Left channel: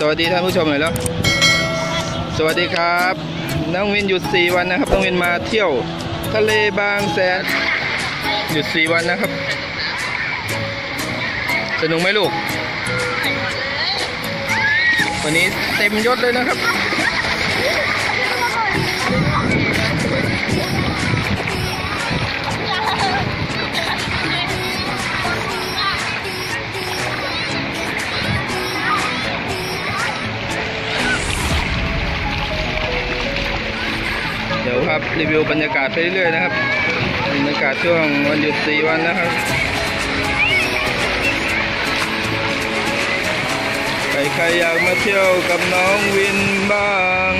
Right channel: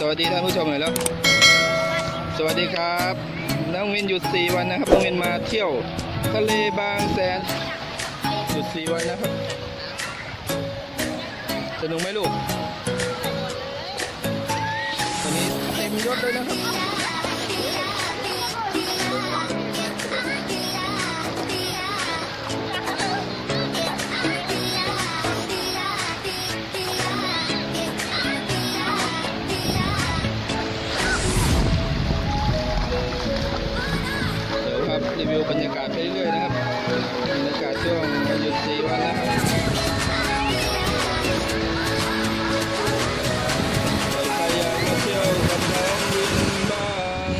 สวัสดีท่านผู้ชมหน่อยแล้ว สวัสดีครับ น้องวินหยุด 4 วันนะครับ น้องวินมาเที่ยว ทะเลบางแสน หยุด 4 วันนะครับ สนุกไหมลูก วันนี้เต็มยศเลยนะครับ รีวิวบรรยากาศไปเรื่อยๆนะครับ บรรยากาศช่วงวันหยุด4วันนะครับ ใครอยากมาเที่ยวกับน้องวินบ้าง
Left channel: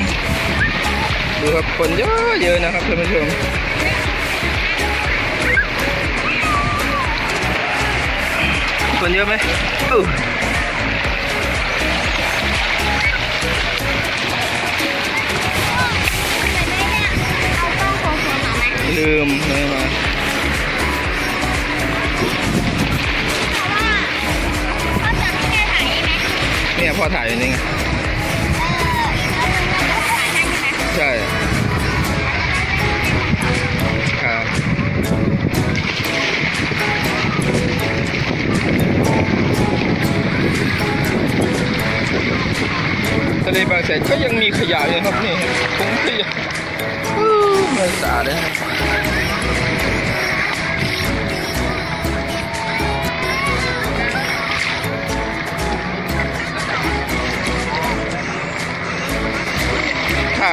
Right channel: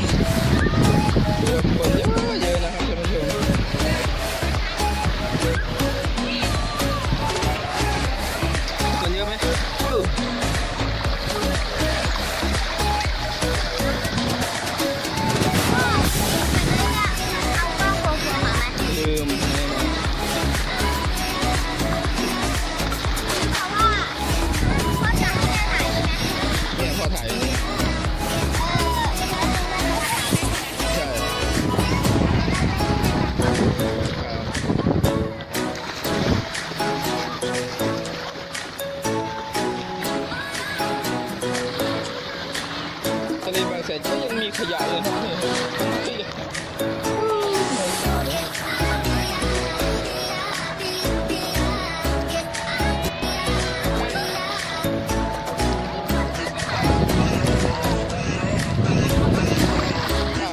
ดูครับคนเยอะเยอะนะครับท่านผู้ชมคนเยอะไหม มาไหมลืมไม่มาเพราะว่าก็จะให้แม่ถ่ายได้ไหมเนี่ยพ่อถ่ายอยู่นี่ไงเออแล้วมึงก็ถ่ายให้ใช่ไหมใช่ครับทะเลบางแสนก็ยังมีขยะอยู่ครับนี่ถุงขยะอู้ไม่สะอาดเลยครับ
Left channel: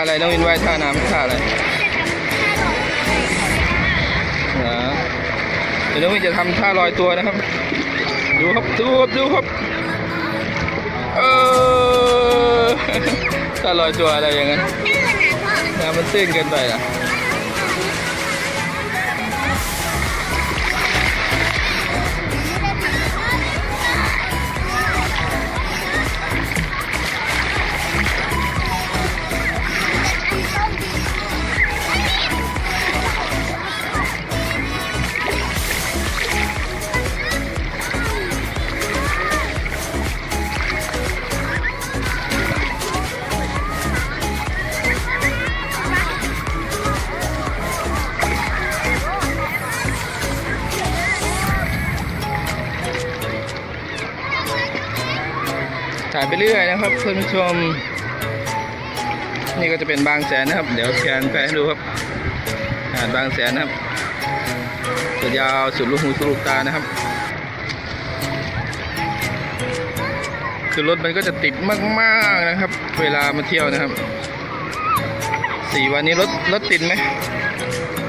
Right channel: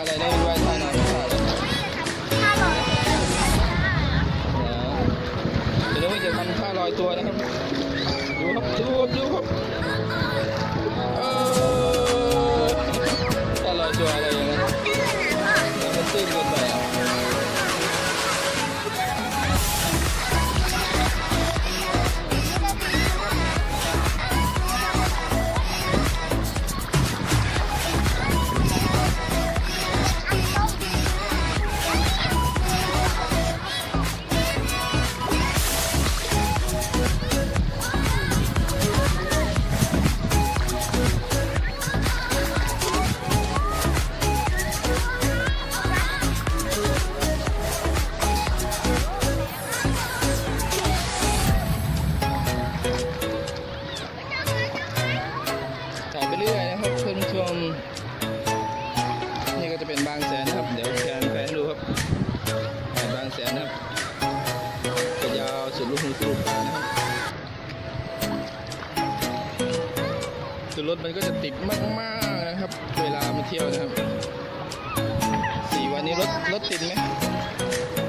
อะไรน้องวินว่ายท่าน้ำท่าอะไรถ้าลงเลยนะเดี๋ยวน้องวินจะทำท่าลอยตัวนะครับ ดูครับดูครับดูครับเออท่าลอยตัวอะไรอย่างนั้นตื้นนะพ่อน้ำมันตื้นเกินไปอะายไปเรื่อยนะครับเพื่อนผู้ชม นี่ก็จะเป็นบางแสนนะครับ เดี๋ยวแชร์ไปให้ดูครับหาดบางแสนนะครับสุดยาวสุดลูกหูสุดลูกตานะครับคือรถมันก็จะติดมากๆนะครับ เวลามาเที่ยวนะครับสี่วันนี้รถรถติดไหม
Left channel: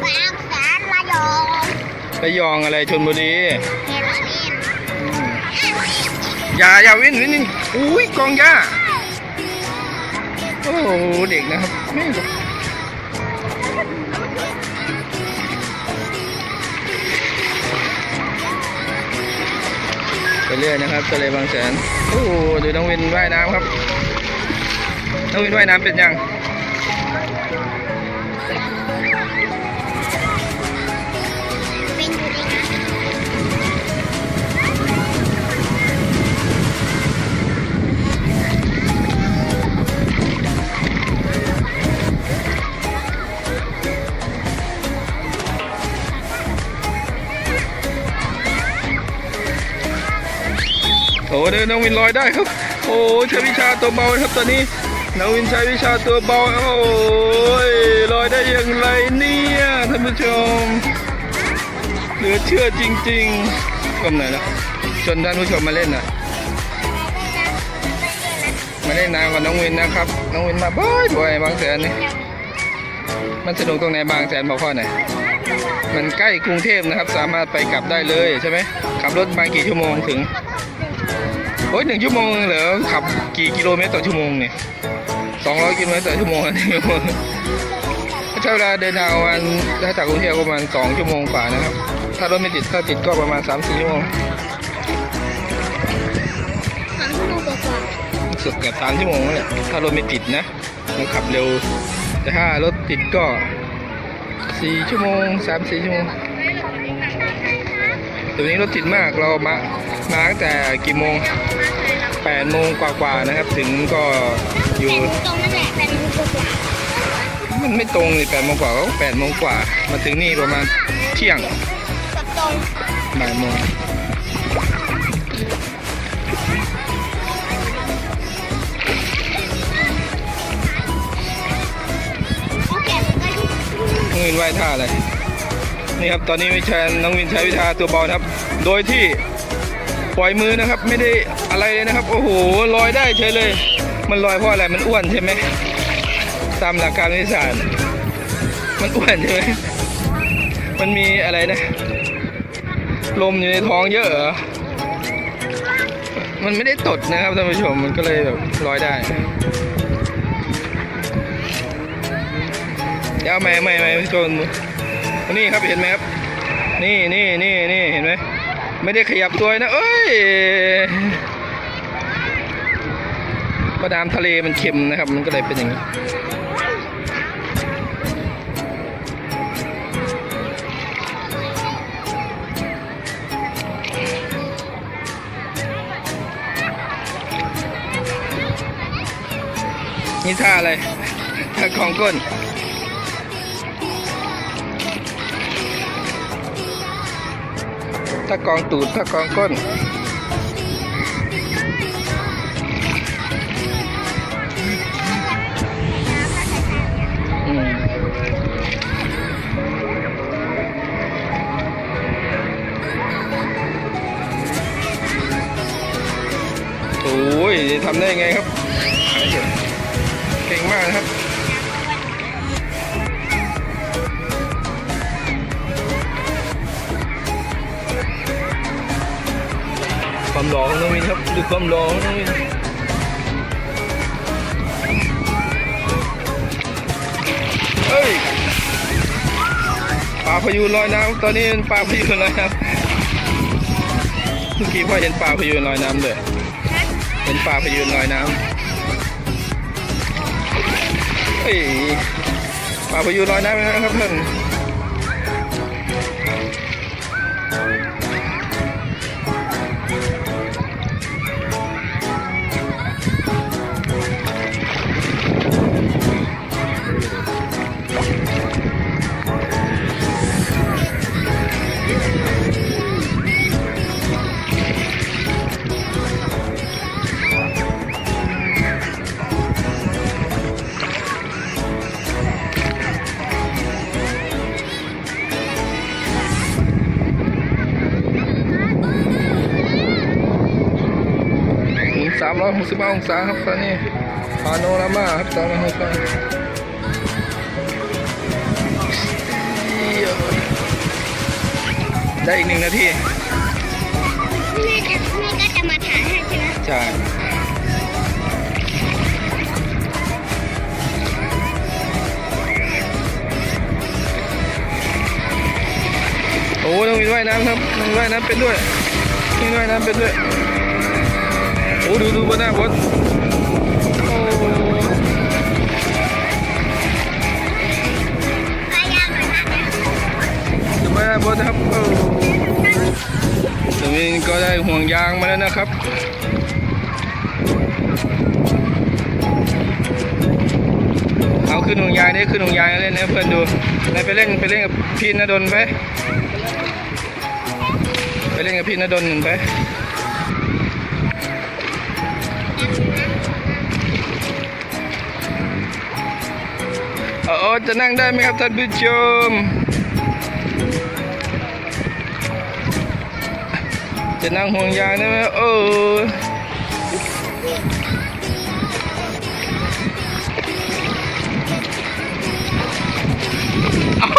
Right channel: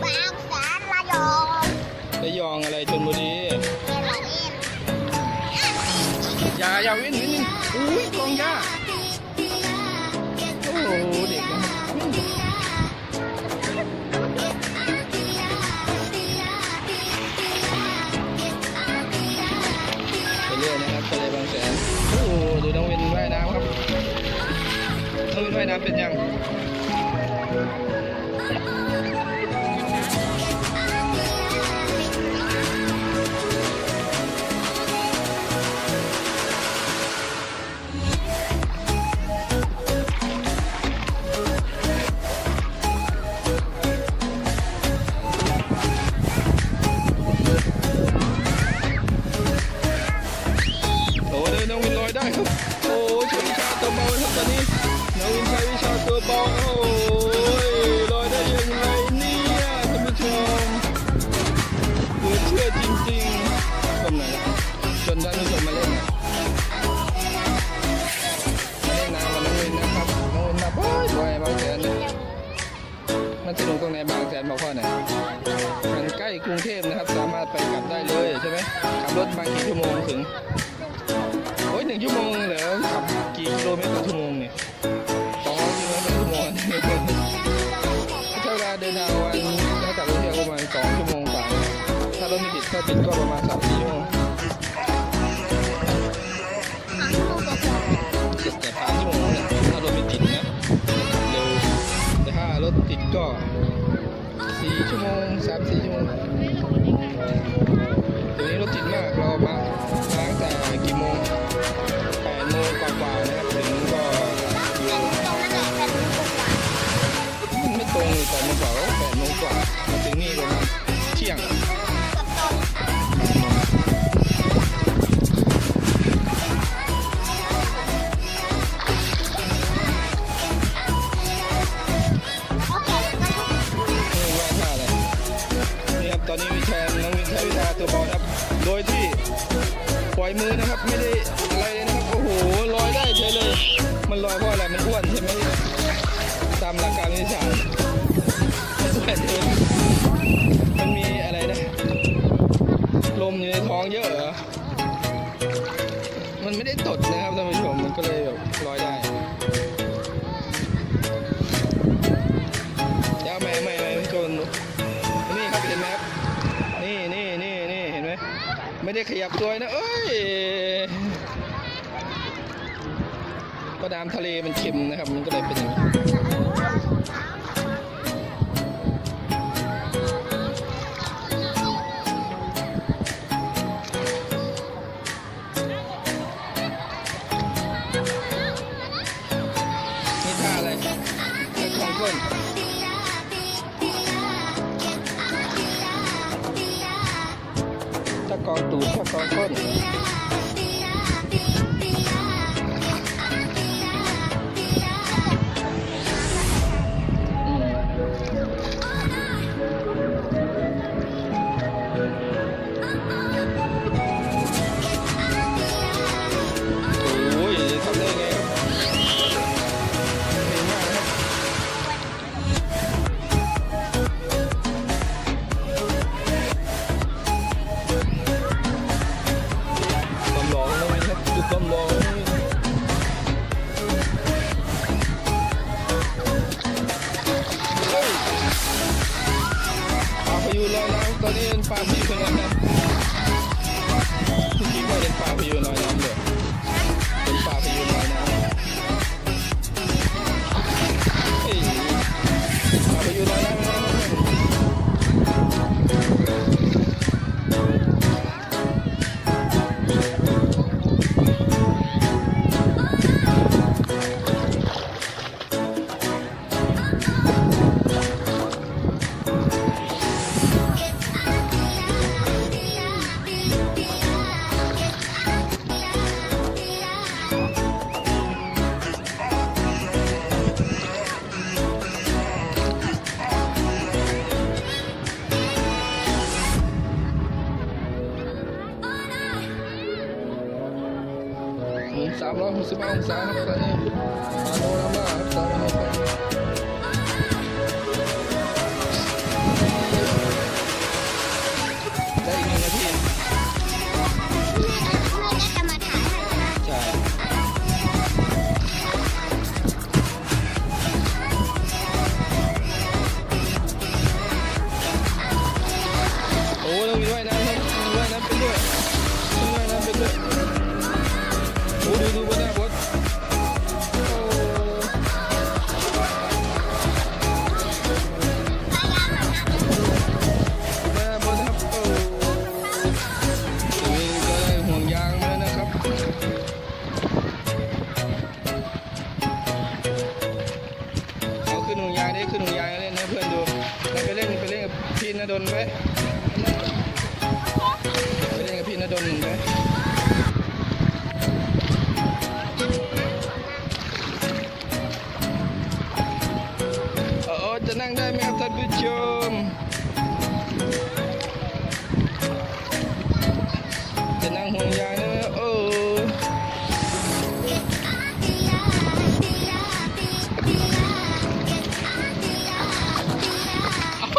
บางแสนระยองระยองอะไรชนบุรีเมลานินอย่าอย่าวิ่งวิ่งวิ่ง อุ้ยกองหญ้า โอ้โหเด็กนะครับนี่ไปเรื่อยนะครับทะเลบางแสน โอ้โหดูน้องวินว่ายน้ำครับ น้องวินว่ายน้ำเป็นยัง อ้เดินน้องวินลอยได้ครับ โอ้ใช้วิชาตัวเบาครับตอนนี้น้องวินใช้วิชาตัวเบาโอ้ยลอยได้อย่างไรเนี่ยท่านผู้ชมเหลือเชื่อจริงๆก้มหน่ะชวนท่านผู้ชมมาเล่นน่ะมาเล่นน้ำกับน้องวินนะครับ น้องวินมาบ่อยบ่อยบางแสนนี่มันสนุกตรงไหนบางแสนบอกพ่อหน่อยมันใกล้กรุงเทพนะครับ สามารถไปกลับได้เลยใช่ไหมขับรถมากี่ชั่วโมงถึง อ้ยหนึ่งชั่วโมงเหรอขับกี่กิโลเมตรต่อชั่วโมงเนี่ยสองร้อยกิโลเมตรต่อชั่วโมงนนี้ใช้เวลาเดินทางประมาณถ้าจากกรุงเทพประมาณสองชั่วโมงกว่านะครับ ถ้ารถไม่ติดถ้าติดก็ประมาณสามสี่ชั่วโมงสุดเกือบสามชั่วโมงแล้วแหละถ้ารถไม่ติดนะมันขับเร็ว แต่ถ้ารถติดก็สี่ชั่วโมงสามสี่ชั่วโมงตัวนี้รถติดมากเรามา มาตั้งแต่กี่โมงแปด8โมงกว่าๆนะครับ ถึงก็อยู่ตรงนั้นแหละแต่ดูกว่ามันไม่ตรงเลย8โมงกว่าก็8โมงกว่า มาถึงนี่ประมาณเที่ยงบตรงบ่ายโมงน้องวินว่ายท่าอะไร นี่ครับ ตอนนี้วิชาน้องวินใช้วิชาตัวเบานะครับ โดยที่ ปล่อยมือนะครับ ไม่ได้อะไรเลยนะครับ โอ้โหลอยได้เฉยเลย มันลอยเพราะอะไรมันอ้วนใช่ไหมตามหลักการวิทยาศาสตร์มันอ้วนใช่ไหมมันมีอะไรนะ ลมอยู่ในท้องเยอะเหรอมันไม่ได้ตดนะครับท่านผู้ชมมันก็เลยแบบลอยได้เดี๋ยวไม่ไม่ไม่ชนนี่ครับเห็นไหมครับ นี่นี่นี่นี่เห็นไหม ไม่ได้ขยับตัวนะ เอ้ยก็น้ำทะเลมันเค็มนะครับ มันก็เลยเป็นอย่างนี้นี่ท่าอะไรท่าของก้น ถ้ากองตูดถ้ากองก้นอืมโอ้ยทำได้ไงครับ ความหล่องน้องมินครับดูความหล่องน้องมินเฮ้ยปลาพยูนลอยน้ำตอนนี้เป็นปลาพยูนลอยน้ำเมื่อกี้พ่อเห็นปลาพยูนลอยน้ำเลยเห็นปลาพยูนลอยน้ำเฮ้ยปลาพยูนลอยน้ำนะครับเพื่อน 365 องศาครับตอนนี้พาโนรามาครับสามร้อยหกสิบได้อีกหนึ่งนาทีแม่จะแม่ก็จะมาถามให้ใช่ไหมใช่โอ้ต้องมีว่ายน้ำครับมีว่ายน้ำเป็นด้วยมีว่ายน้ำเป็นด้วย โอ้ดูดูบนหน้าบนโอ้พยายามหน่อยนะเนี่ยดูบนหน้าบนนะครับโอ้ตรงนี้ก็ได้ห่วงยางมาแล้วนะครับเอาขึ้นห่วงยางได้ขึ้นห่วงยางเล่นนะเพื่อนดูไปเล่นไปเล่นกับพี่นดลไปไปเล่นกับพี่นดลหนึ่งไป เออจะนั่งได้ไหมครับท่านผู้ชม จะนั่งห่วงยางได้ไหมเออเอา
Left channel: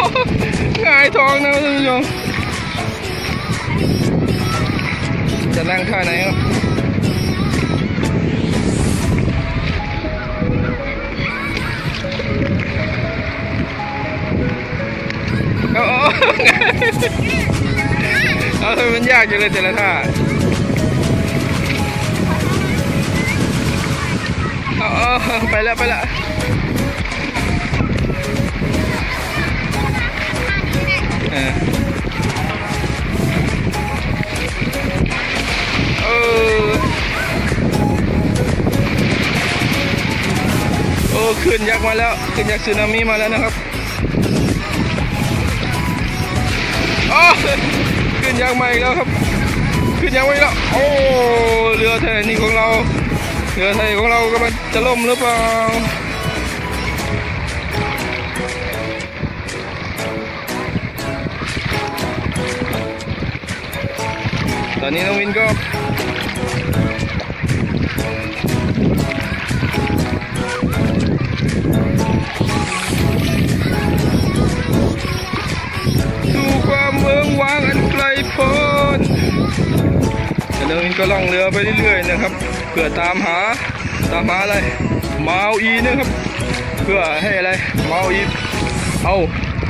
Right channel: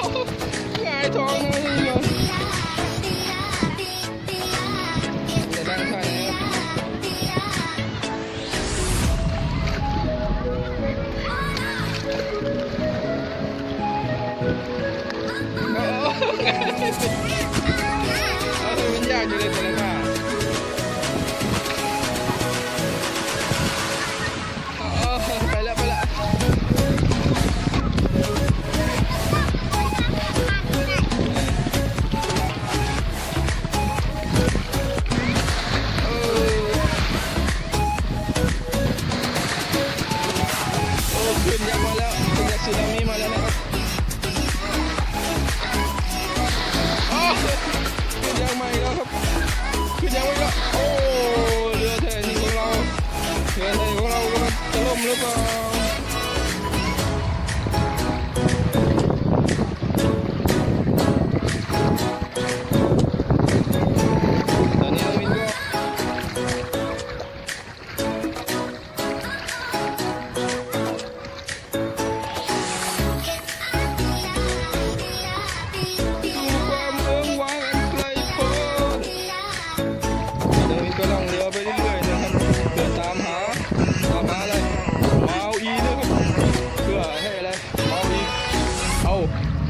หงายท้องนะท่านผู้ชมจะนั่งท่าไหนครับ เอำมันยากอยู่เลยแต่ละท่าไปแล้วไปแล้วโอ้ขึ้นยักษ์มาแล้วขึ้นยักษ์สึนามิมาแล้วนะครับ อขึ้นยักษ์มาอีกแล้วครับ ขึ้นยักษ์มาอีกแล้ว โอ้เรือไทยนี่ของเราเรือไทยของเรากำลังจะล่มหรือเปล่าตอนนี้น้องวินก็ เมืองวางอันไกลโพ้นน้องวินก็ล่องเรือไปเรื่อยๆนะครับ เพื่อตามหาตามหาอะไรมาเอาอีนะครับ เพื่อให้อะไรมาเอาอีเอา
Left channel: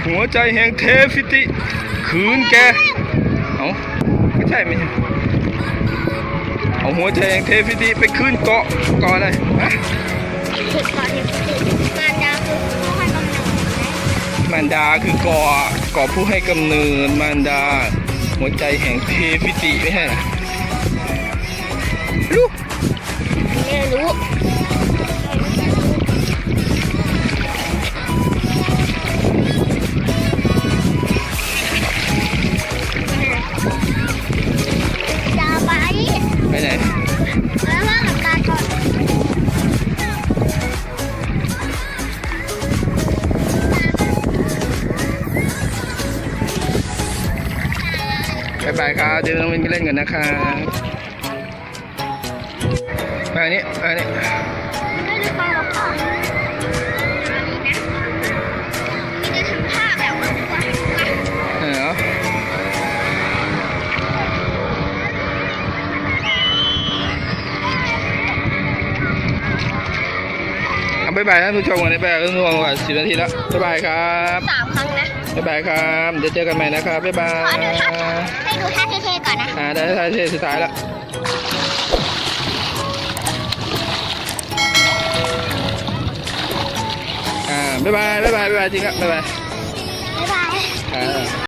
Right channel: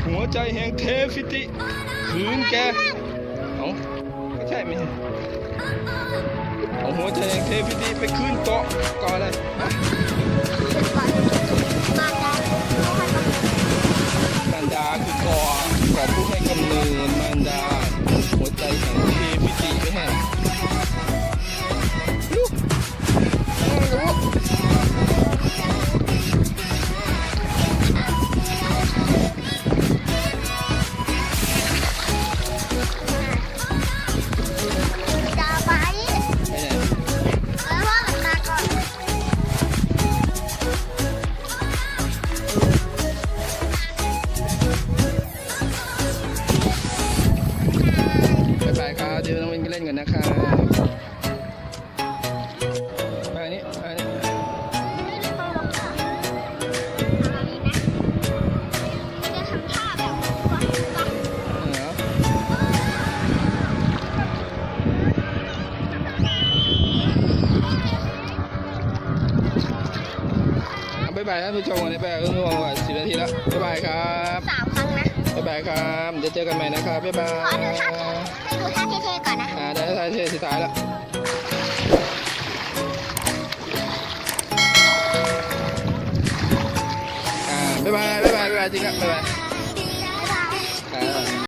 หัวใจแห่งเทฟิติ คืนแก เอาไม่ใช่ไหมเนี่ยเอาหัวใจแห่งเทฟิติไปคืนเกาะเกาะอะไรฮะ มารดาคือก่อก่อผู้ให้กำเนิดมารดา หัวใจแห่งเทพิติไม่ใช่หรอ บายบายครับเดี๋ยวน้องวินไปเล่นกันนะครับมาอันนี้ไปอันนี้ บายบายท่านผู้ชมกันได้บายบายท่านผู้ชมก่อนสิบนาทีแล้วบายบายครับสามครั้งนะบายบายครับเดี๋ยวเจอกันใหม่นะครับบายบาขอดูท่ายให้ดูท่าเท่ๆก่อนนะอ่าได้ท้ายเทสุดท้ายแล้วอ่าบ๊ายบายบ๊ายบายบ๊ายบายจริงครับบ๊ายบายบ๊ายบายอ่า